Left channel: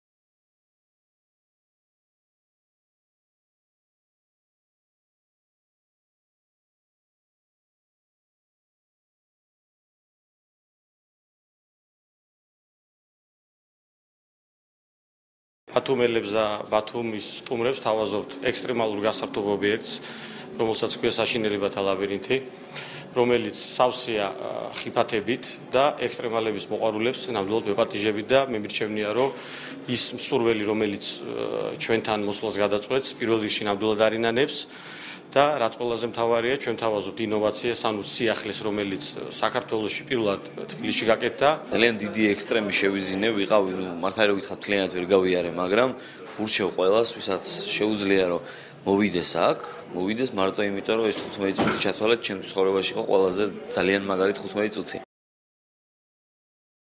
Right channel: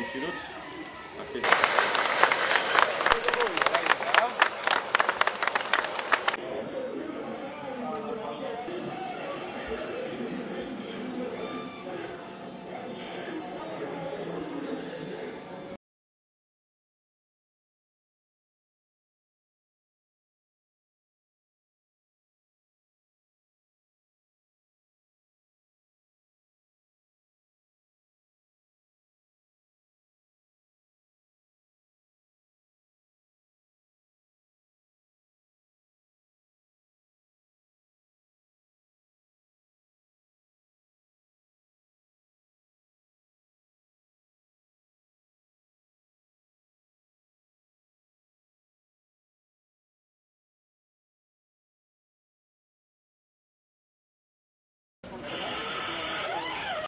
დავიჭიროთ. ბათუმელებს და ბათუმის სტუმრებს თავაზობთ ექსტრემალურ გასართობ ობიექტს, რომელსაც ქვია საშინელებათა ლაბირინთი, რომელიც სავსეა ხიფათებით და ექსტრემალების მოყვარულებს ნამდვილად ვეპატიჟებით და მე მირჩევნია, რომ ის მსურველი, რომელიც ჩვენთან მოსვლას გადაწყვეტს, პირველ რიგში ნამდვილად არინანებს და რაც ყველაზე მთავარია, ჩვენ თავაზობთ ინოვაციას, ანუ სიახლეს, რომელიც საქართველოში პირველად თბილისში გაკეთდა. ძალიან დიდი ექსტრემი შევიზინე, ვიყავი, მართალი რომ გითხრათ, მთლიანად ვერ გავიარე, მაგრამ ვურჩევ ყველას, ვისაც შეუძლია, რომ მოვიდეს აქ, მოვიდეს მარტო იმიტომ, რომ ეს 15 წუთი ჩათვალეთ, ჩემს ცხოვრებაში იყო ყველაზე ძალიან მაგარი 15 წუთი.